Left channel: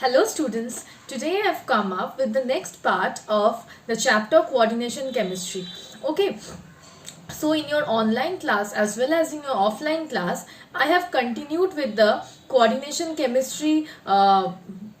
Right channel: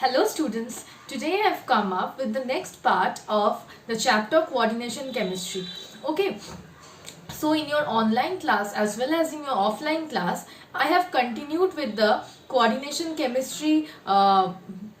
Hello students, today I have come up with the next part of the chapter coordination chemistry. Okay, so in your online class as well as in your offline class, I have continued with the coordination chemistry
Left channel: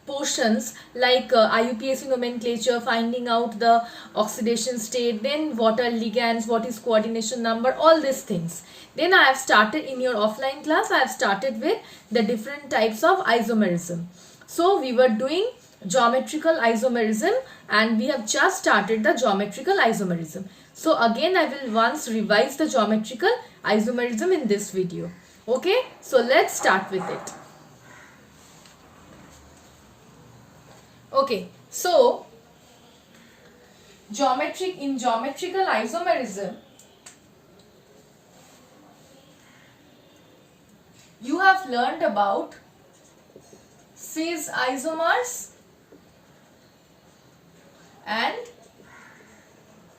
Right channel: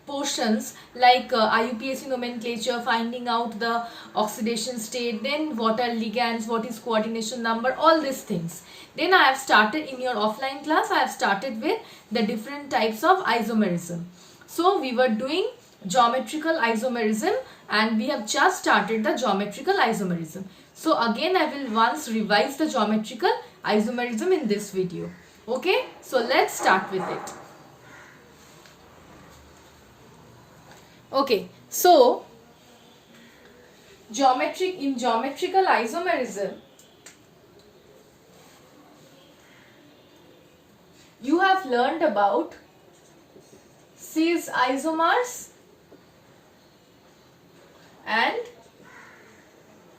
portions like IUPAC nomenclature, finding out the oxidation state, then what are ligands, what is coordination number, all these things. Then I have started in your offline class, I have started with the different types of isomerism. So we were doing geometrical isomerism and we have just started the geometrical isomerism. So again I will once revise the geometrical isomerism in this video. Okay, so let's start with it. Okay, so in geometrical isomerism, you have learned about cis isomers and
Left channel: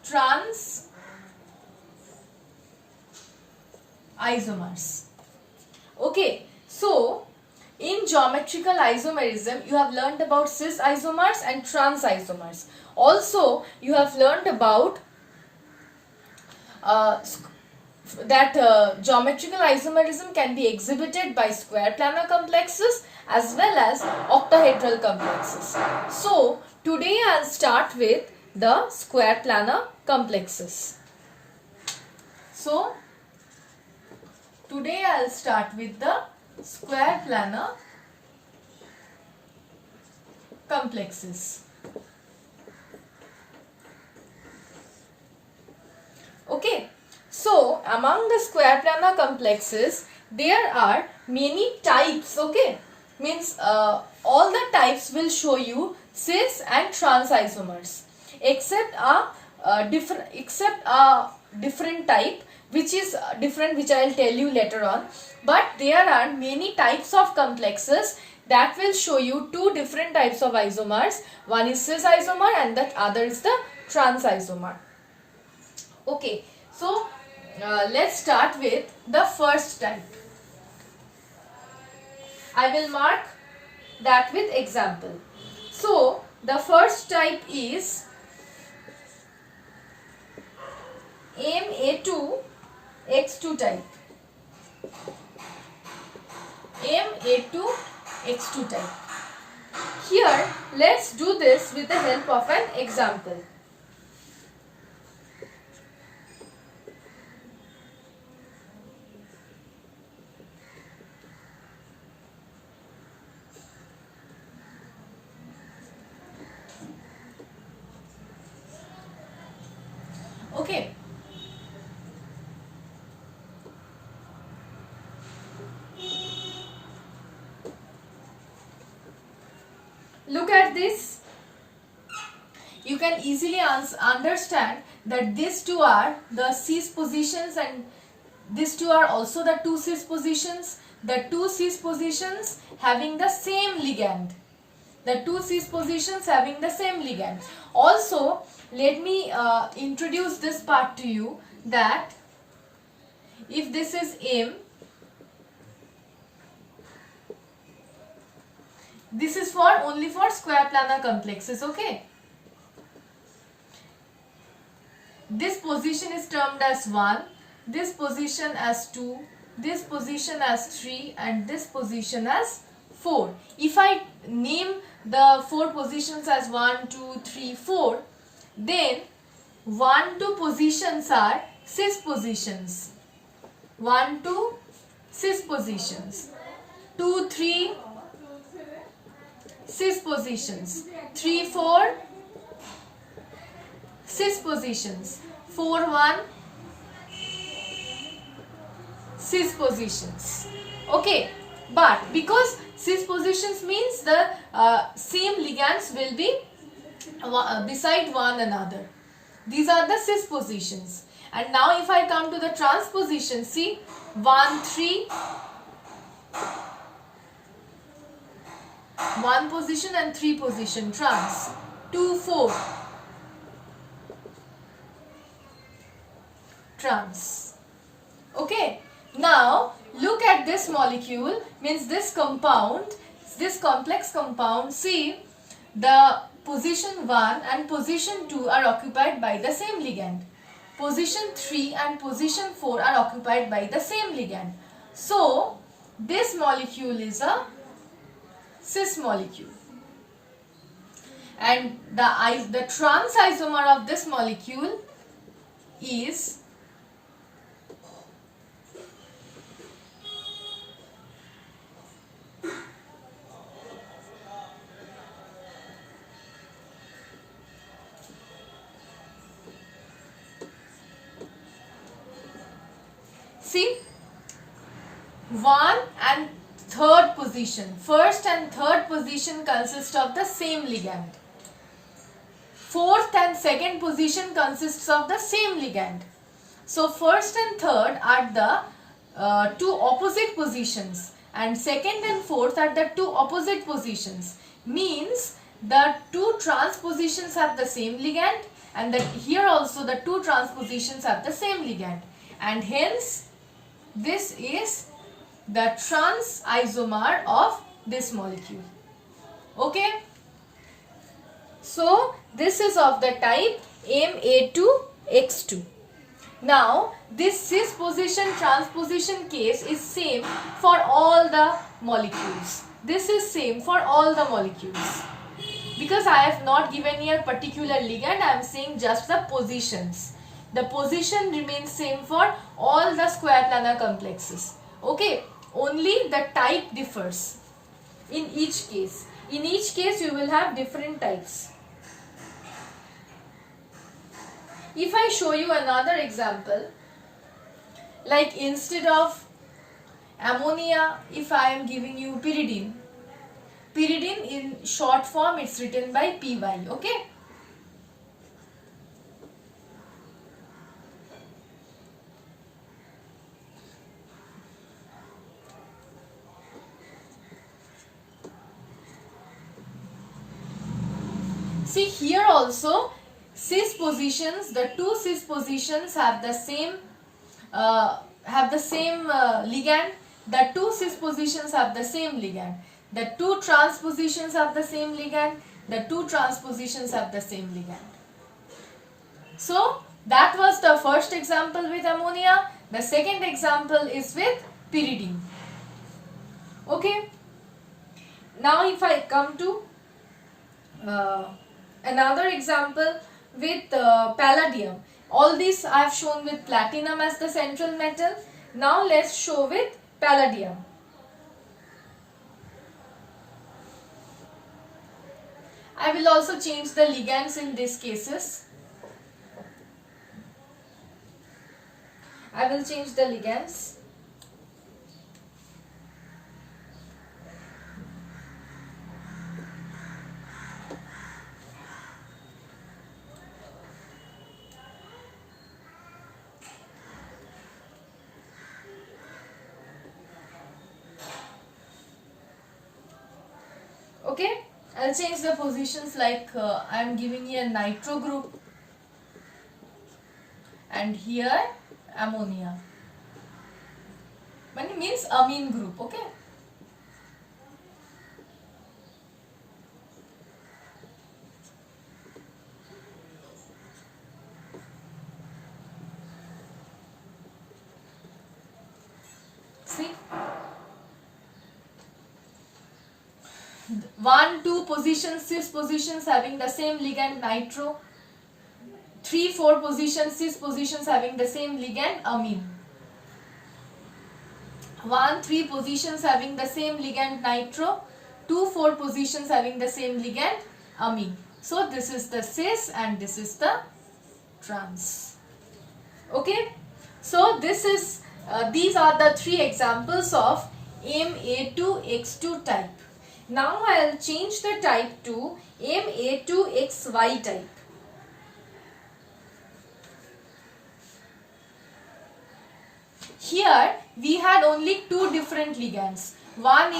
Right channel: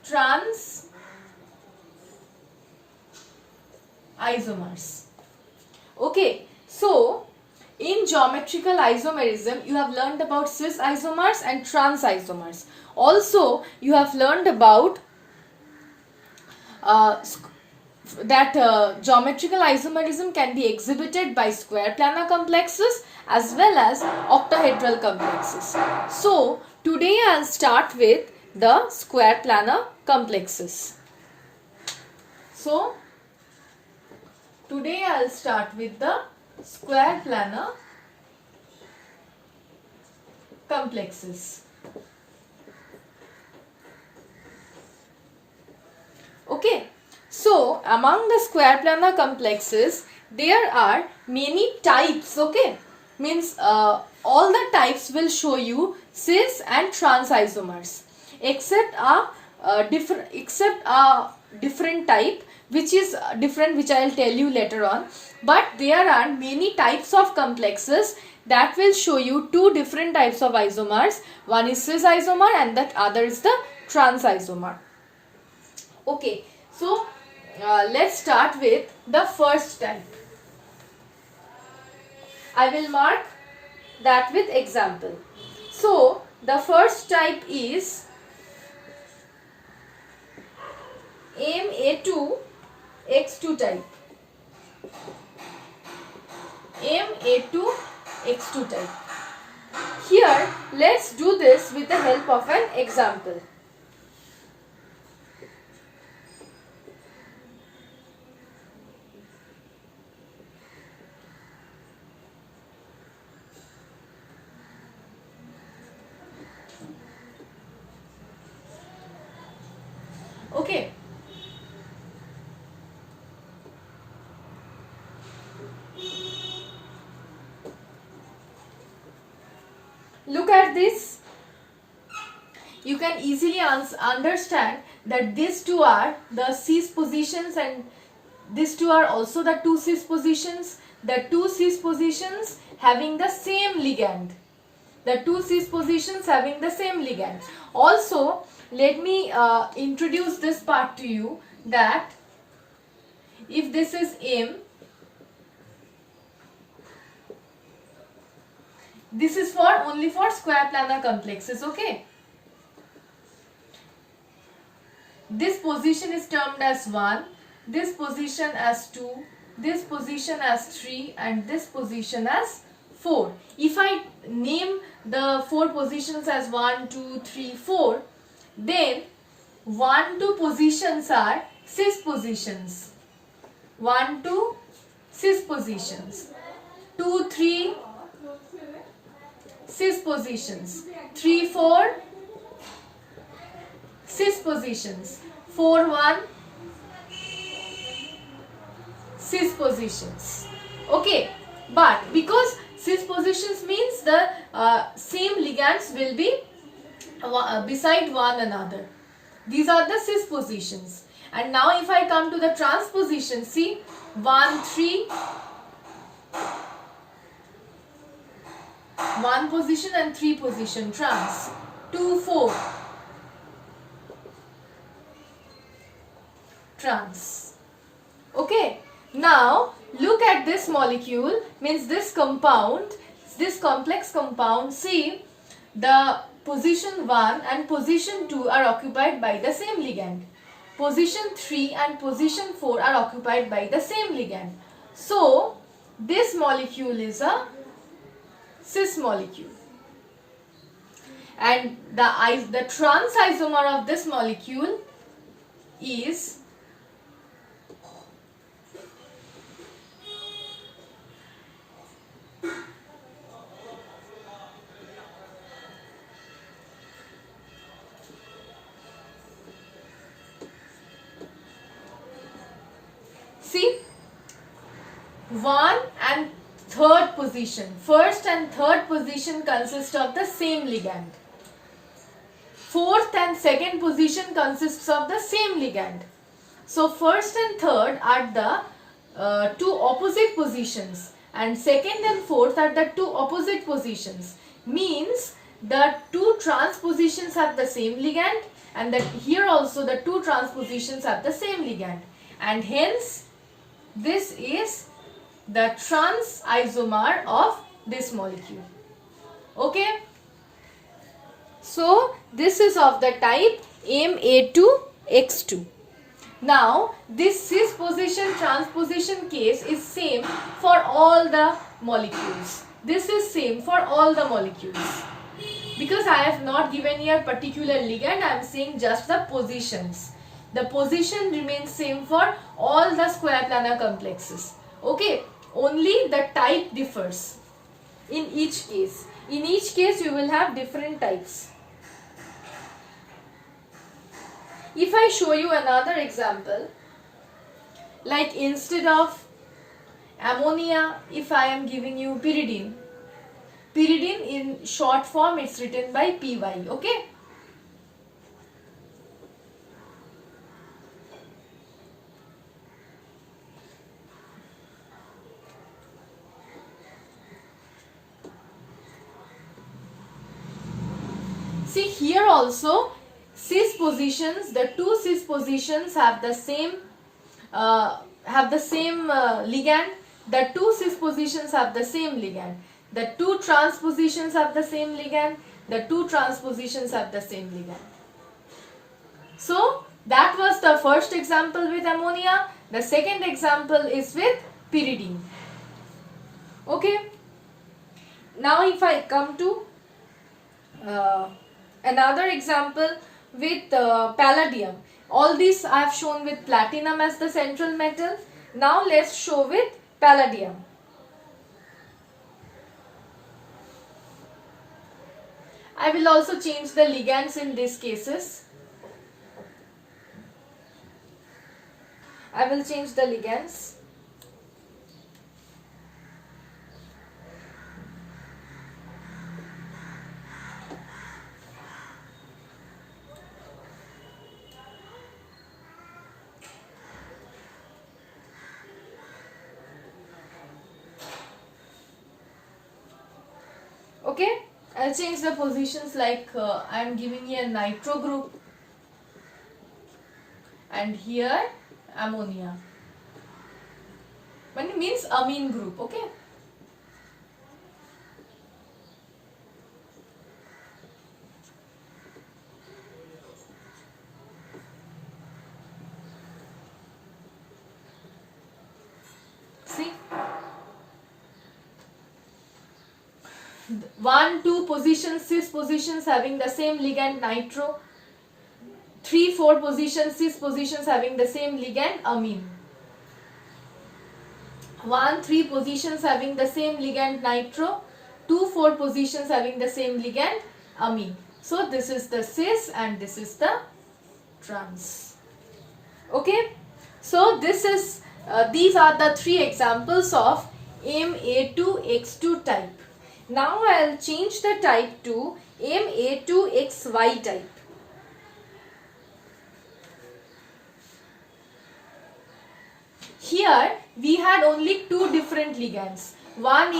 trans isomers. Okay, so in geometrical isomerism, you have learned about cis isomers and trans isomers. Also, you have learned about geometrical isomerism can be exhibited by square planar complexes as well as octahedral complexes. So, today I'll start with the square planar complexes. So, today I'll start with the square planar complexes. Okay, so among the square planar complexes, there are many types. Okay, means all the types will show you cis and trans isomers, except a different type which is different, which I will tell you later on. But there are many types of complexes that will show you two different types of isomers. One is cis isomer and the other is the trans isomer. Okay, so let's start with the first type. I will mark that with example. So the first type is Ma2X2 type. Ma2X2 type. Here, let's do this with the help of an example. Okay. Look at this. You can easily understand that these two are the cis positions and these two are also the two cis positions. The two cis positions having the same ligand. The two cis positions having the same ligand. Also, let me introduce this part to you, that if this is M, this is only for square planar complexes. Okay, this position is termed as 1, this position as 2, this position as 3 and this position as 4. If I name the 4 positions as 1, 2, 3, 4, then 1, 2 positions are cis positions. 1, 2 cis positions. 2, 3 cis positions. 3, 4 cis positions. 4, 1 cis positions. Okay, but because cis positions means the same ligands will be beside one another. These are the cis positions. And now if I come to the trans position, see 1, 3, 1 position and 3 position trans. 2, 4 trans. Okay, now look at this molecule, means this compound this complex compound, see, the position 1 and position 2 are occupied by the same ligand. Position 3 and position 4 are occupied by the same ligand. So, this molecule is a cis molecule. And the trans isomer of this molecule is see, 1 and 3rd position, first and third position consist of the same ligand. Fourth and second position consists of the same ligand. So first and third are the two opposite positions, and second and fourth are the two opposite positions. Means the two trans positions have the same ligand, and that here also the two trans positions have the same ligand, and hence this is the trans isomer of this molecule. Okay. So this is of the type Ma2X2. Now this cis position transposition case is same for all the molecules. This is same for all the molecules. Because I have not given here particular ligand, I am saying just the positions. The position remains same for all the square planar complexes. Okay, only the type differs in each case. In each case you will have different types. If I show you another example, like instead of ammonia, if I am giving you pyridine, pyridine in short form it's written by PY, okay? See here also cis positions, the two cis positions have the same ligand. The two cis positions have the same ligand. The two trans positions have the same ligand. The two trans positions have the same ligand. So that was the first example with ammonia. The second example is with pyridine. Okay. Now if I come to another example with palladium. All these I have shown with platinum as the central metal. Now let's show with palladium. I will also change the ligands in these cases. I will change the ligands. Okay, I'll change the positions like I am giving here nitro group and here ammonia. But it means amine group, okay? See? 1, 2 positions, cis positions having the same ligand nitro. 3, 4 positions, cis positions having the same ligand amine. 1, 3 positions having the same ligand nitro. 2, 4 positions having the same ligand amine. So this is the cis and this is the trans. Okay. So this is these are the 3 examples of Ma2X2 type. Now I will change the type to Ma2XY type. Here we had only 2 different ligands. One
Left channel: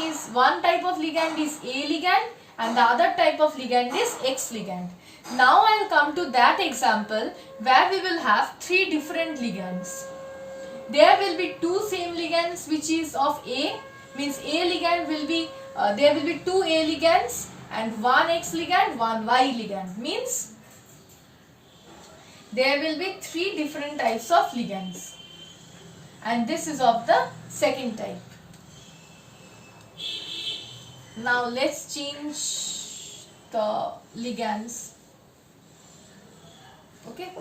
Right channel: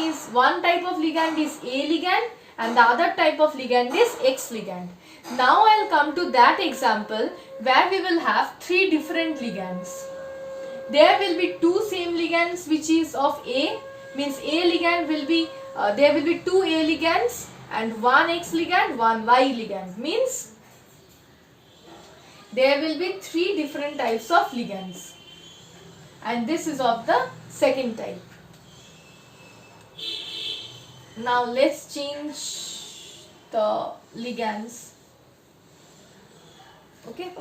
type of ligand is A ligand and the other type of ligand is X ligand. Now I will come to that example where we will have 3 different ligands. There will be 2 same ligands which is of A, means A ligand will be there will be 2 A ligands and 1 X ligand, 1 Y ligand. Means there will be 3 different types of ligands, and this is of the second type. Now let's change the ligands. Okay.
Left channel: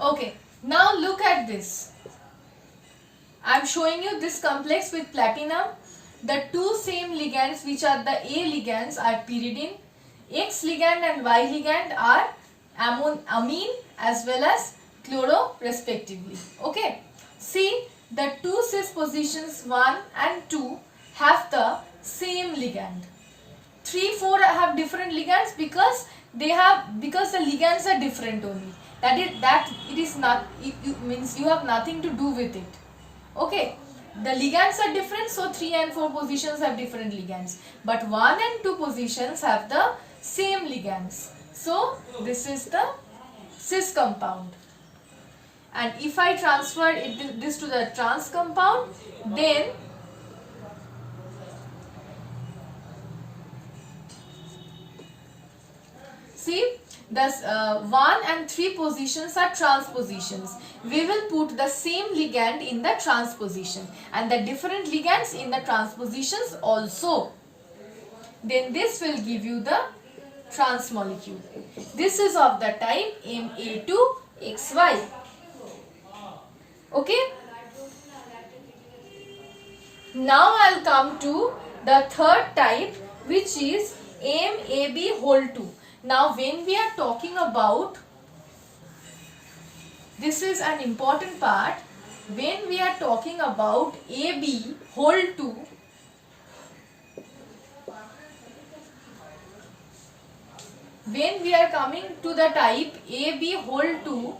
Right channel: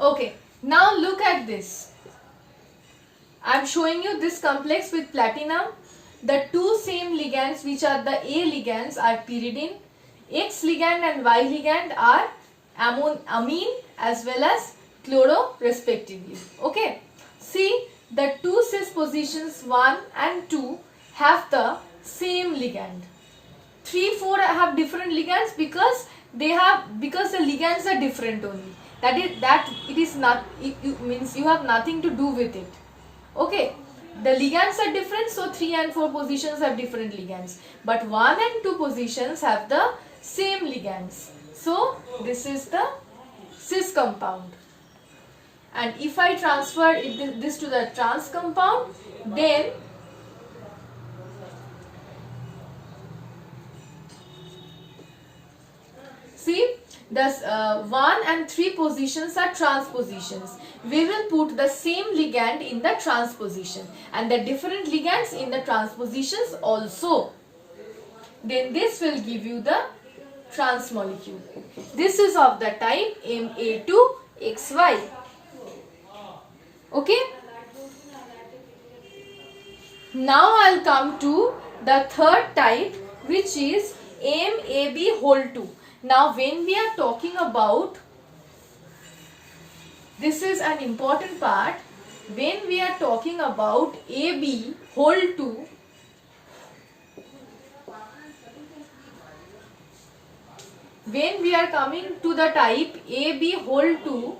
Okay, now look at this. I am showing you this complex with platinum. The 2 same ligands, which are the A ligands, are pyridine. X ligand and Y ligand are amine as well as chloro respectively. Okay. See, the 2 cis positions 1 and 2 have the same ligand. 3, 4 have different ligands because the ligands are different only. It means you have nothing to do with it. Okay, the ligands are different, so 3 and 4 positions have different ligands, but 1 and 2 positions have the same ligands. So this is the cis compound, and if I transfer this to the trans compound, then see, thus 1 and 3 positions are trans positions. We will put the same ligand in the trans position and the different ligands in the trans positions also. Then this will give you the trans molecule. This is of the type Ma2XY. Okay. Now I'll come to the third type, which is MAB2. Now when we are talking about, this is an important part, when we are talking about AB2, when we are coming to the type AB2,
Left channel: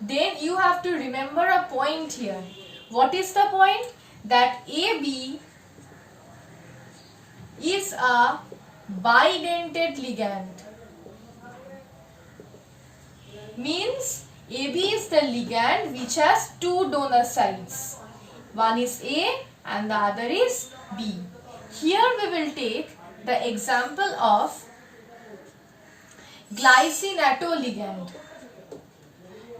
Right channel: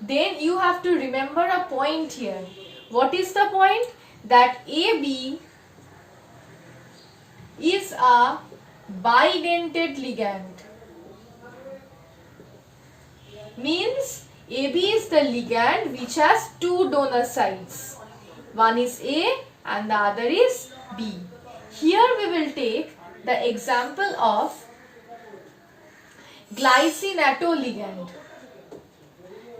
then you have to remember a point here. What is the point? That AB is a bidentate ligand. Means AB is the ligand which has 2 donor sites. One is A and the other is B. Here we will take the example of glycine-atto ligand.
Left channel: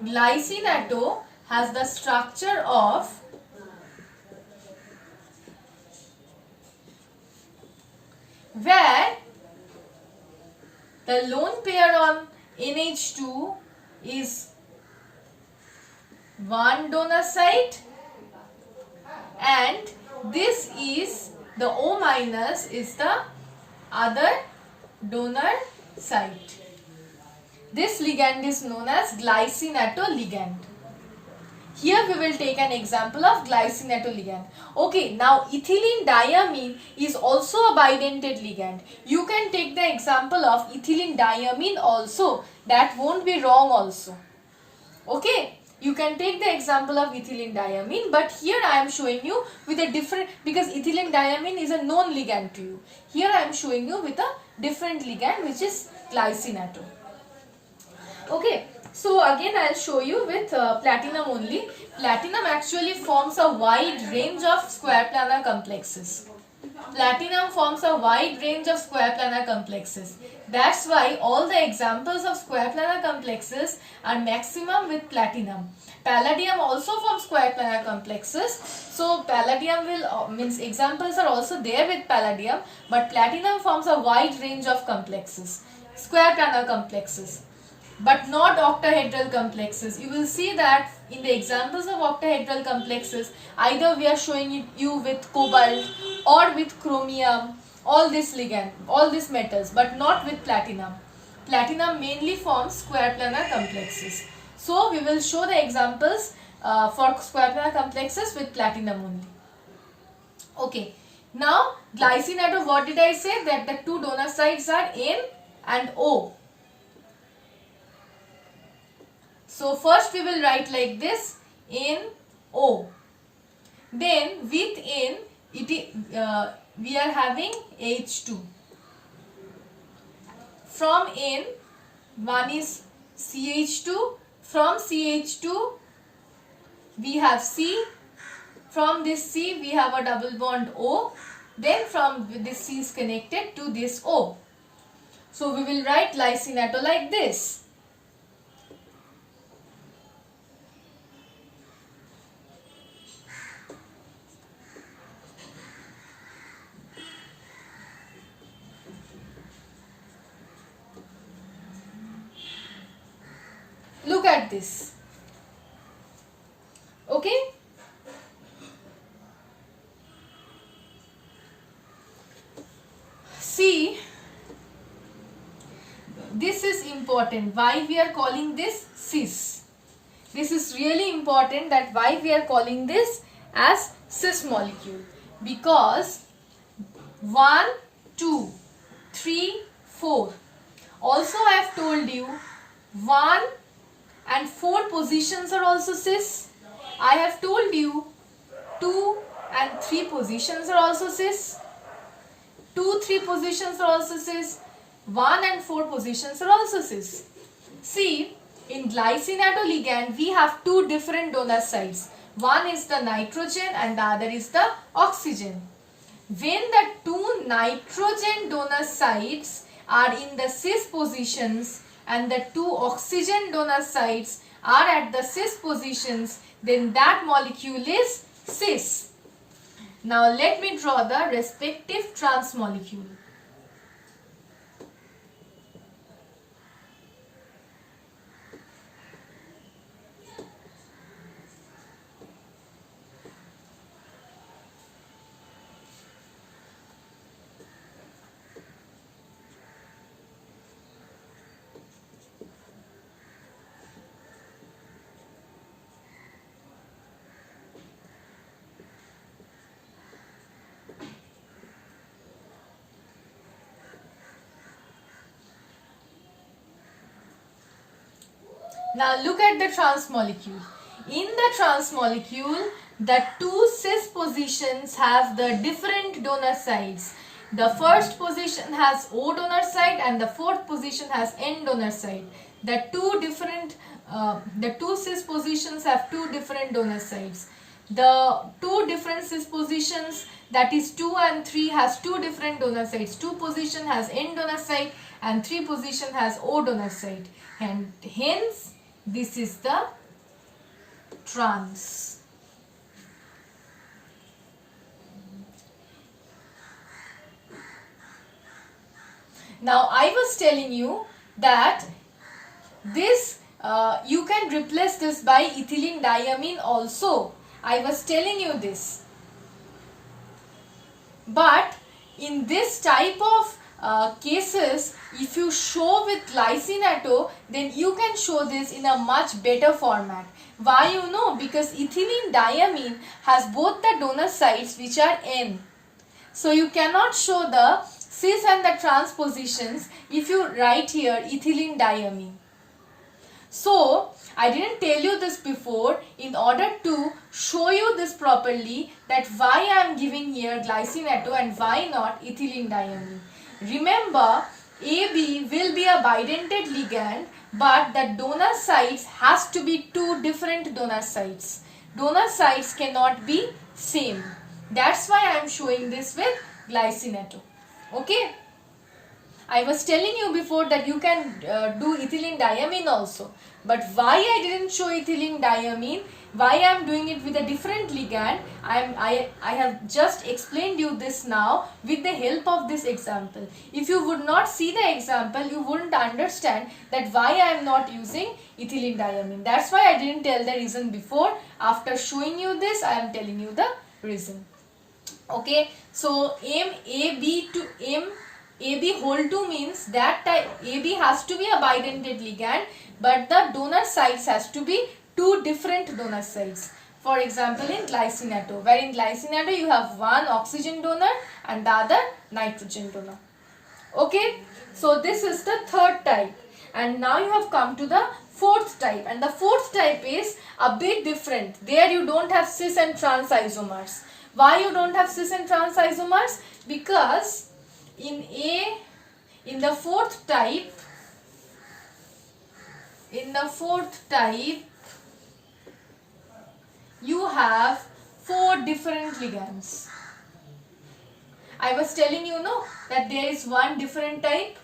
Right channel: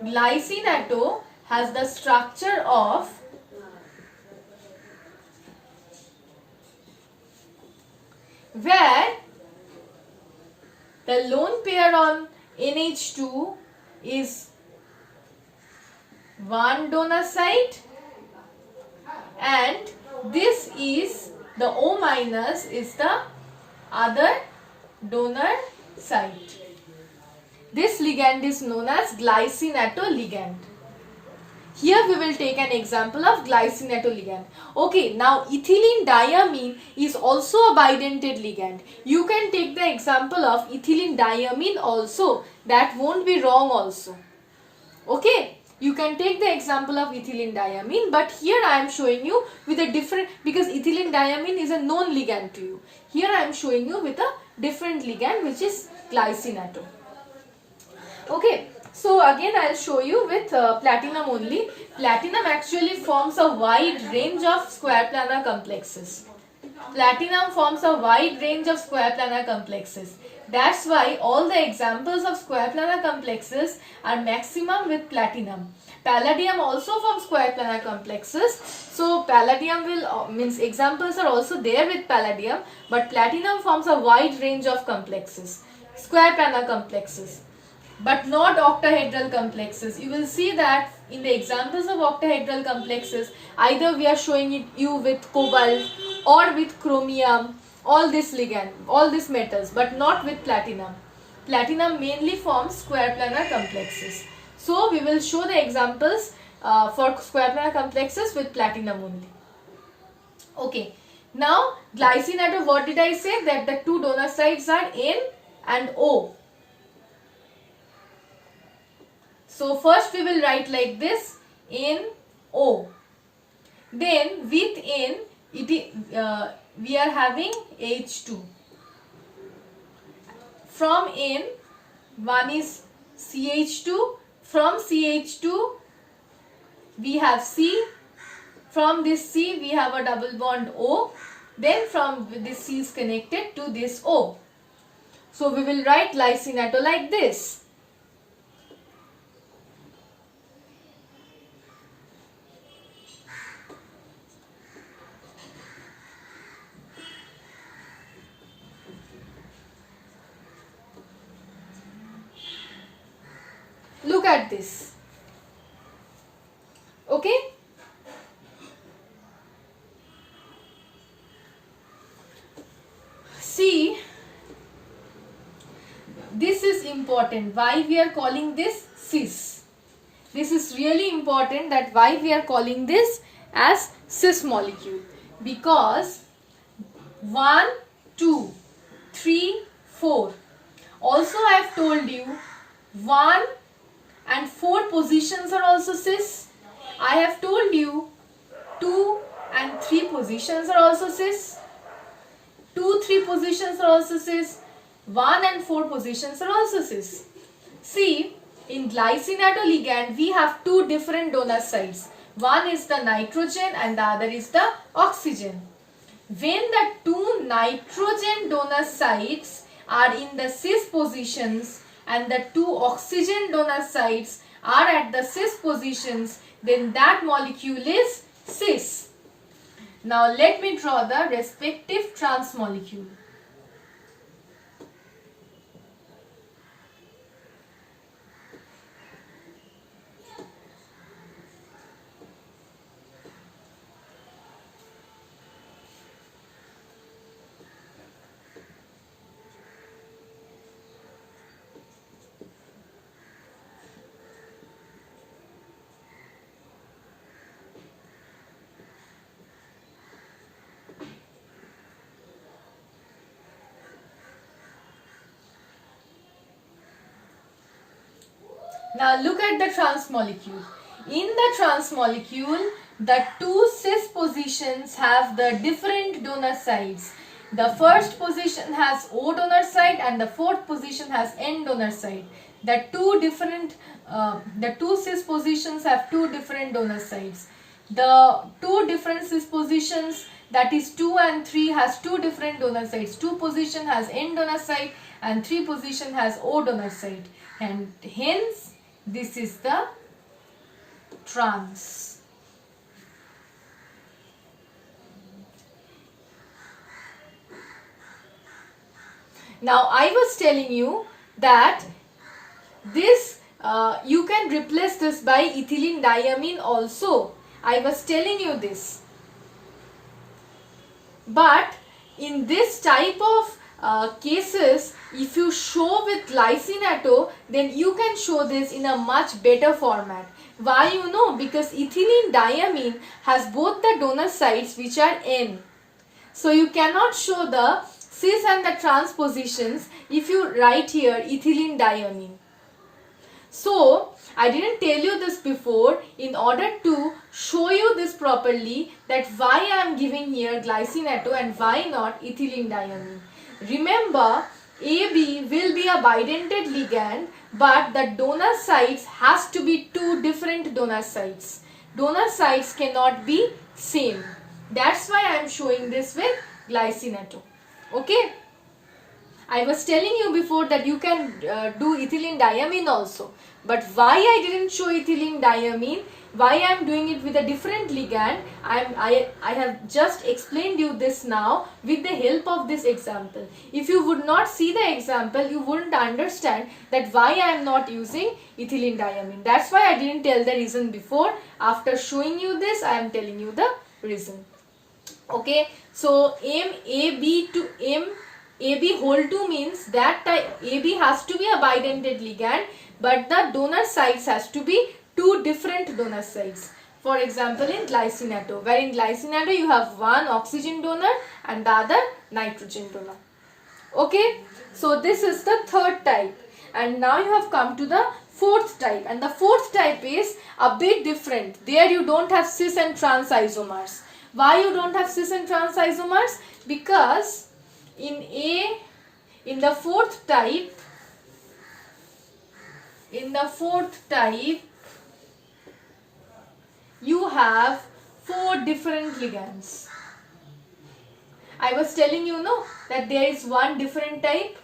Glycine-atto has the structure of where the lone pair on NH2 is one donor site and this is the O- is the other donor site. This ligand is known as glycine-atto ligand. Here we will take an example of glycine-atto ligand. Okay, now ethylene diamine is also a bidentate ligand. You can take the example of ethylene diamine also. That won't be wrong also. Okay, you can take the example of ethylene diamine, but here I am showing you with a different, because ethylene diamine is a known ligand to you. Here I am showing you with a different ligand, which is glycine-atto. Okay. So again I will show you with platinum only. Platinum actually forms a wide range of square planar complexes. Platinum forms a wide range of square planar complexes. That's why all the examples of square planar complexes are maximum with platinum. Palladium also forms square planar complexes. So palladium will means examples are also there with palladium, but platinum forms a wide range of complexes, square planar complexes, but not octahedral complexes. You will see that in the examples of octahedral complexes, either we are showing you with cobalt or with chromium, all this ligand, all these metals, but not with platinum. Platinum mainly forms square planar complexes. So we will show the examples for square planar complexes with platinum only. Okay. Now glycine atom, what did I say? That the two donor sides are N and O. So first we will write like this, NO. Then with N, we are having H2. From N, one is CH2. From CH2, we have C. From this C, we have a double bond O. Then from this C is connected to this O. So we will write glycine atom like this. Look at this. Okay? See, this is important. Why we are calling this cis? This is really important, that why we are calling this as cis molecule. Because 1, 2, 3, 4. Also I have told you 1 and 4 positions are also cis. I have told you 2 and 3 positions are also cis. 2, 3 positions are also cis. 1 and 4 positions are also cis. See, in glycine atom ligand, we have two different donor sites. One is the nitrogen and the other is the oxygen. When the two nitrogen donor sites are in the cis positions and the two oxygen donor sites are at the cis positions, then that molecule is cis. Now let me draw the respective trans molecule. Now look at the trans molecule. In the trans molecule, the two cis positions have the different donor sides. The first position has O donor side and the fourth position has N donor side. The two cis positions have two different donor sides. The two different cis positions, that is 2 and 3, has two different donor sides. 2 position has N donor side and 3 position has O donor side. And hence, this is the trans. Now I was telling you that this you can replace this by ethylene diamine also. I was telling you this. But in this type of cases, if you show with glycine atom, then you can show this in a much better format. Why you know? Because ethylene diamine has both the donor sides which are N. So you cannot show the cis and the trans positions if you write here ethylene diamine. So I didn't tell you this before. In order to show you this properly, that why I am giving here glycine atom and why not ethylene diamine. Remember, AB will be a bidentate ligand, but the donor sites has to be two different donor sites. Donor sites cannot be same. That's why I am showing this with glycine atom. Okay. I was telling you before that you can do ethylene diamine also. But why I didn't show ethylene diamine, why I am doing it with a different ligand, I have just explained you this now with the help of this example. If you would not see the example, you wouldn't understand that why I am not using ethylene diamine. That's why I didn't tell the reason before. After showing you this, I am telling you the reason. Okay, so M AB whole 2 means that type AB has to be a bidentate ligand, but the donor sites has to be two different donor sites. For example, in glycine-atto, where in glycine-atto you have one oxygen donor and the other nitrogen donor. Okay, so this is the third type, and now you have come to the fourth type, and the fourth type is a bit different. There you don't have cis and trans isomers. Why you don't have cis and trans isomers? Because in the fourth type you have four different ligands. I was telling you, no, that there is one different type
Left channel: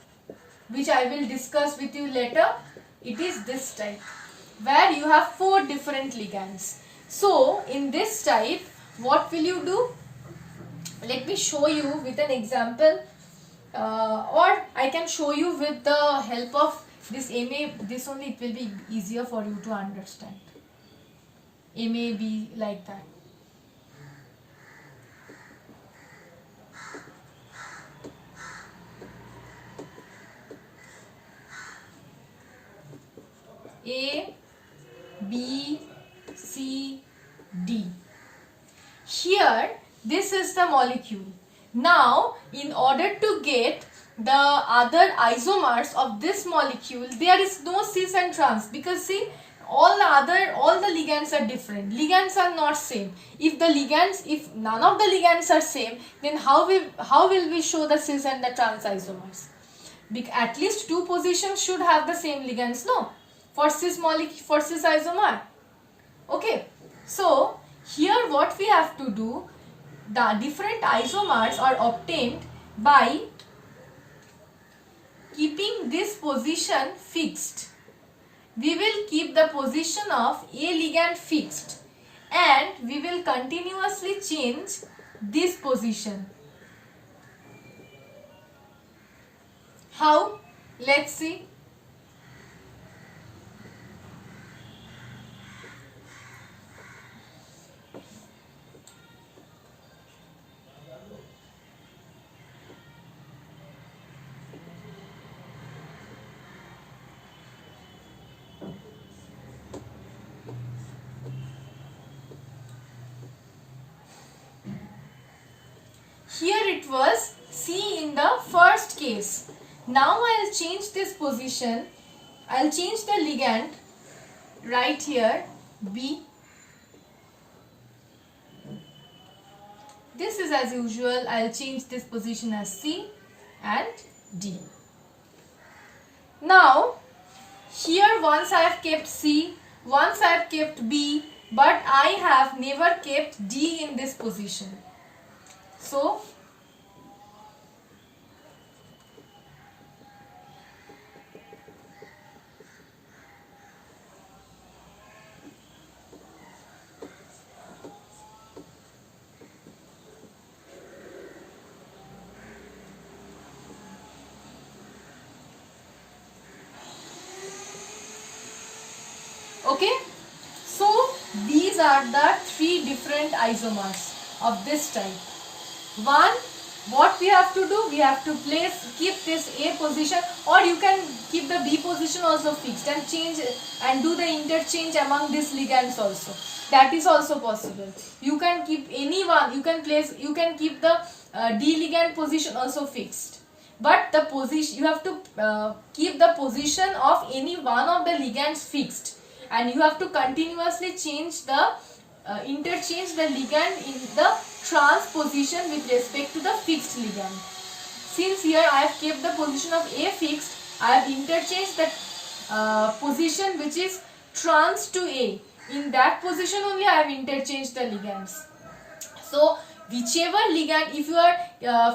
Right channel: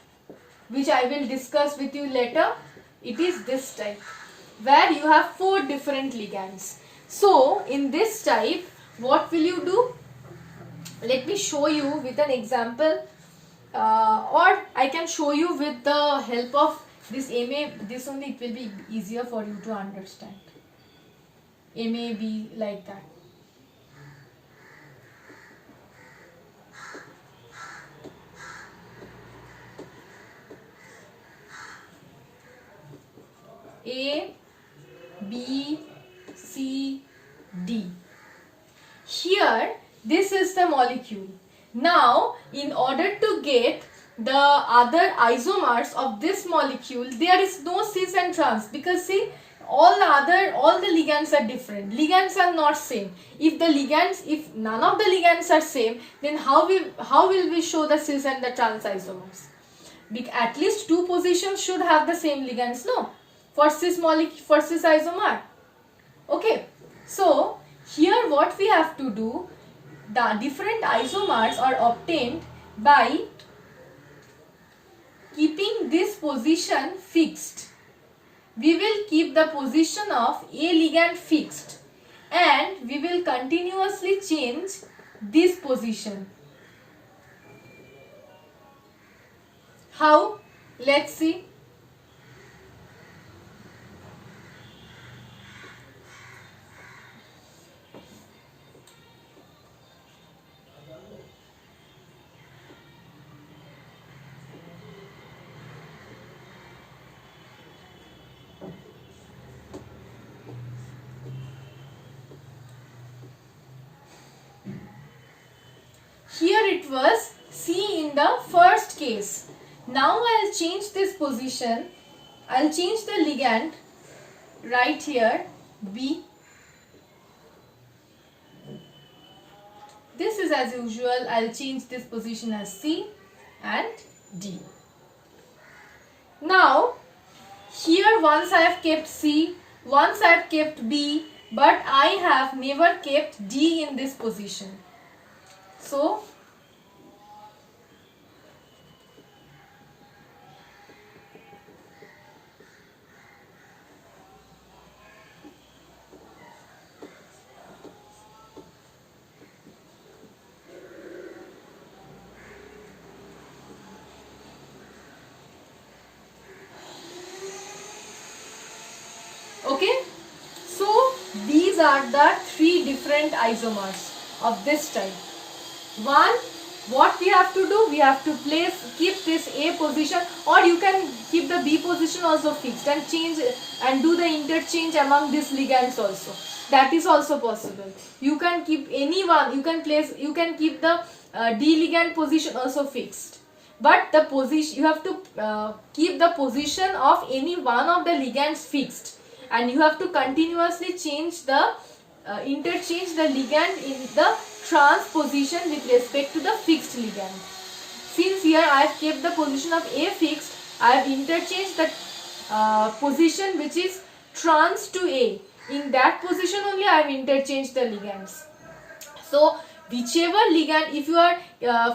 which I will discuss with you later. It is this type where you have four different ligands. So in this type, what will you do? Let me show you with an example, or I can show you with the help of this MA. This only, it will be easier for you to understand. MAB like that. A, B, C, D. Here, this is the molecule. Now, in order to get the other isomers of this molecule, there is no cis and trans, because see, all the ligands are different. Ligands are not same. If none of the ligands are same, then how will we show the cis and the trans isomers? At least two positions should have the same ligands, no? For cis isomer. Okay, so here what we have to do, the different isomers are obtained by keeping this position fixed. We will keep the position of A ligand fixed, and we will continuously change this position. How? Let's see. Here it was C in the first case. Now I'll change this position. I'll change the ligand right here, B. This is as usual. I'll change this position as C and D. Now, here once I have kept C, once I have kept B, but I have never kept D in this position. So, okay, so these are the three different isomers of this type. One, what we have to do, we have to keep this A position, or you can keep the B position also fixed and change and do the interchange among these ligands also. That is also possible. You can keep any one, you can keep the D ligand position also fixed. But the position, you have to keep the position of any one of the ligands fixed, and you have to continuously interchange the ligand in the trans position with respect to the fixed ligand. Since here I have kept the position of A fixed, I have interchanged the position which is trans to A. In that position only I have interchanged the ligands. So whichever ligand, if you are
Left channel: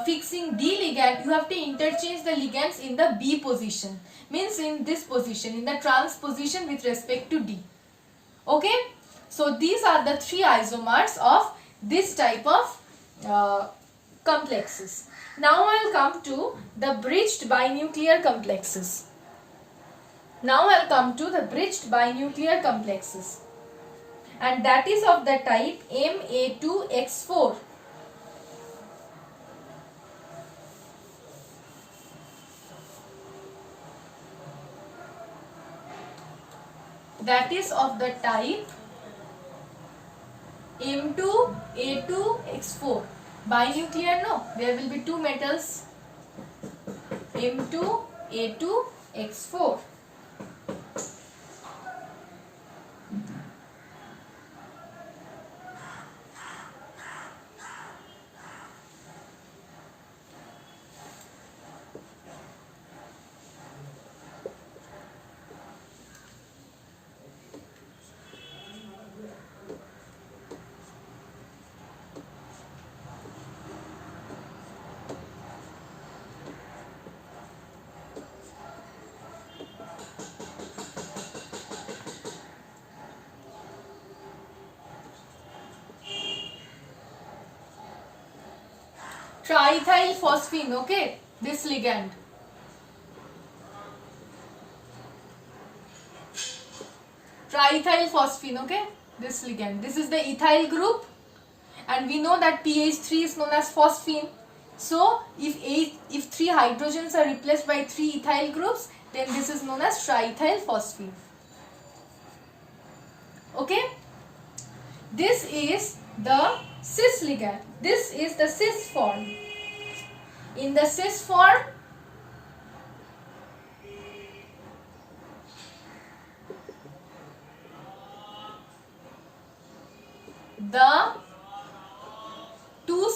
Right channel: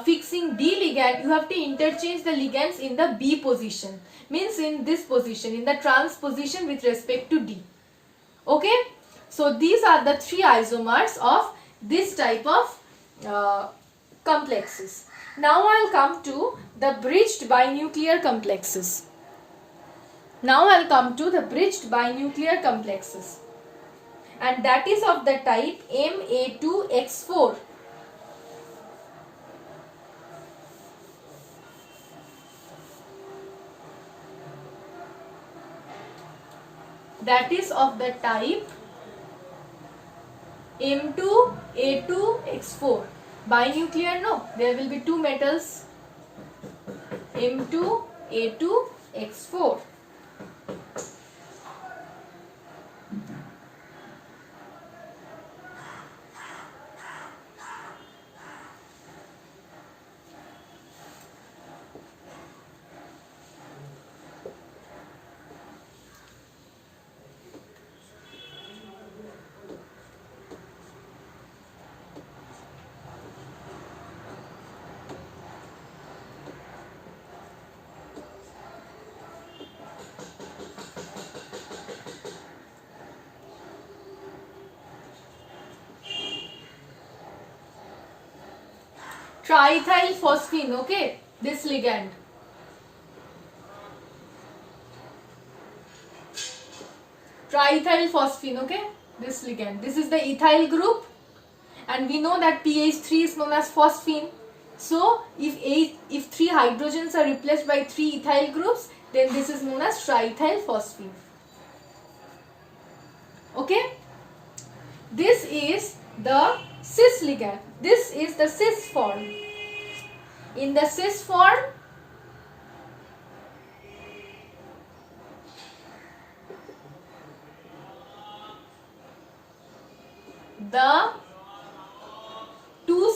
fixing D ligand, you have to interchange the ligands in the B position. Means in this position, in the trans position with respect to D. Okay. So these are the three isomers of this type of complexes. Now I'll come to the bridged binuclear complexes. And that is of the type Ma2X4. that is of the type M2A2X4. Binuclear, no, there will be two metals, M2A2X4. Triethyl phosphine, okay, this ligand. Triethyl phosphine, okay, this ligand. This is the ethyl group, and we know that pH3 is known as phosphine. So if 3 hydrogens are replaced by 3 ethyl groups, then this is known as triethyl phosphine. Okay, this is the cis ligand. This is the cis form. In the cis form, the two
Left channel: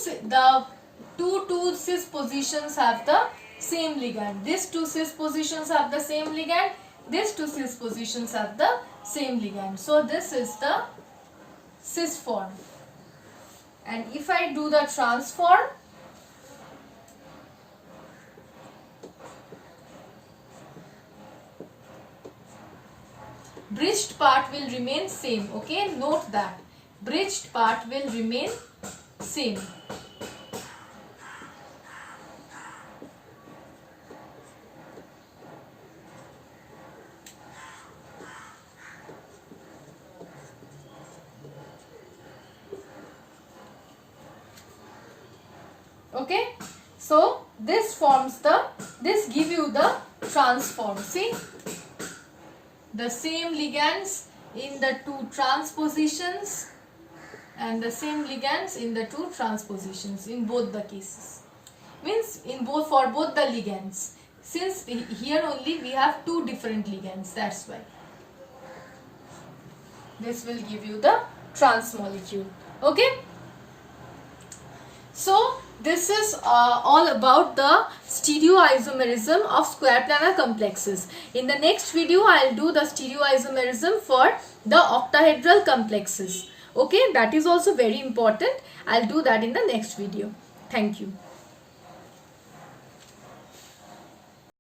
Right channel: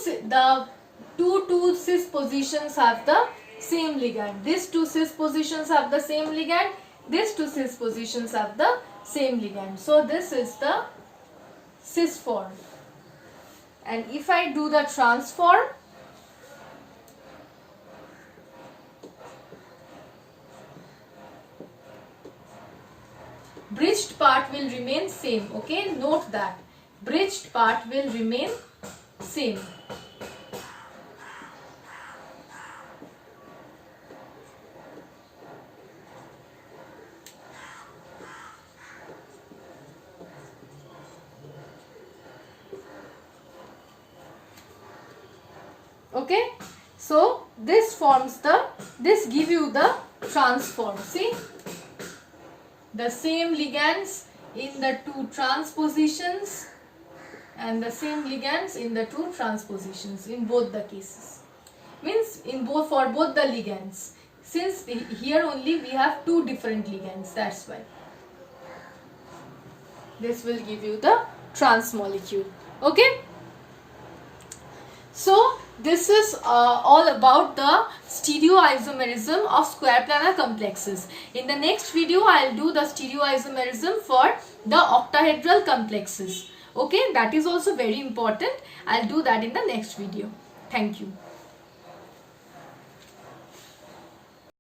cis positions have the same ligand. These two cis positions have the same ligand. These two cis positions have the same ligand. So this is the cis form. And if I do the trans form, bridged part will remain same. Okay, note that bridged part will remain same. Okay, so this give you the trans form. See, the same ligands in the two trans positions and the same ligands in the two trans positions in both the cases. Means for both the ligands. Since here only we have two different ligands, that's why. This will give you the trans molecule. Okay. So this is all about the stereoisomerism of square planar complexes. In the next video, I will do the stereoisomerism for the octahedral complexes. Okay, that is also very important. I will do that in the next video. Thank you.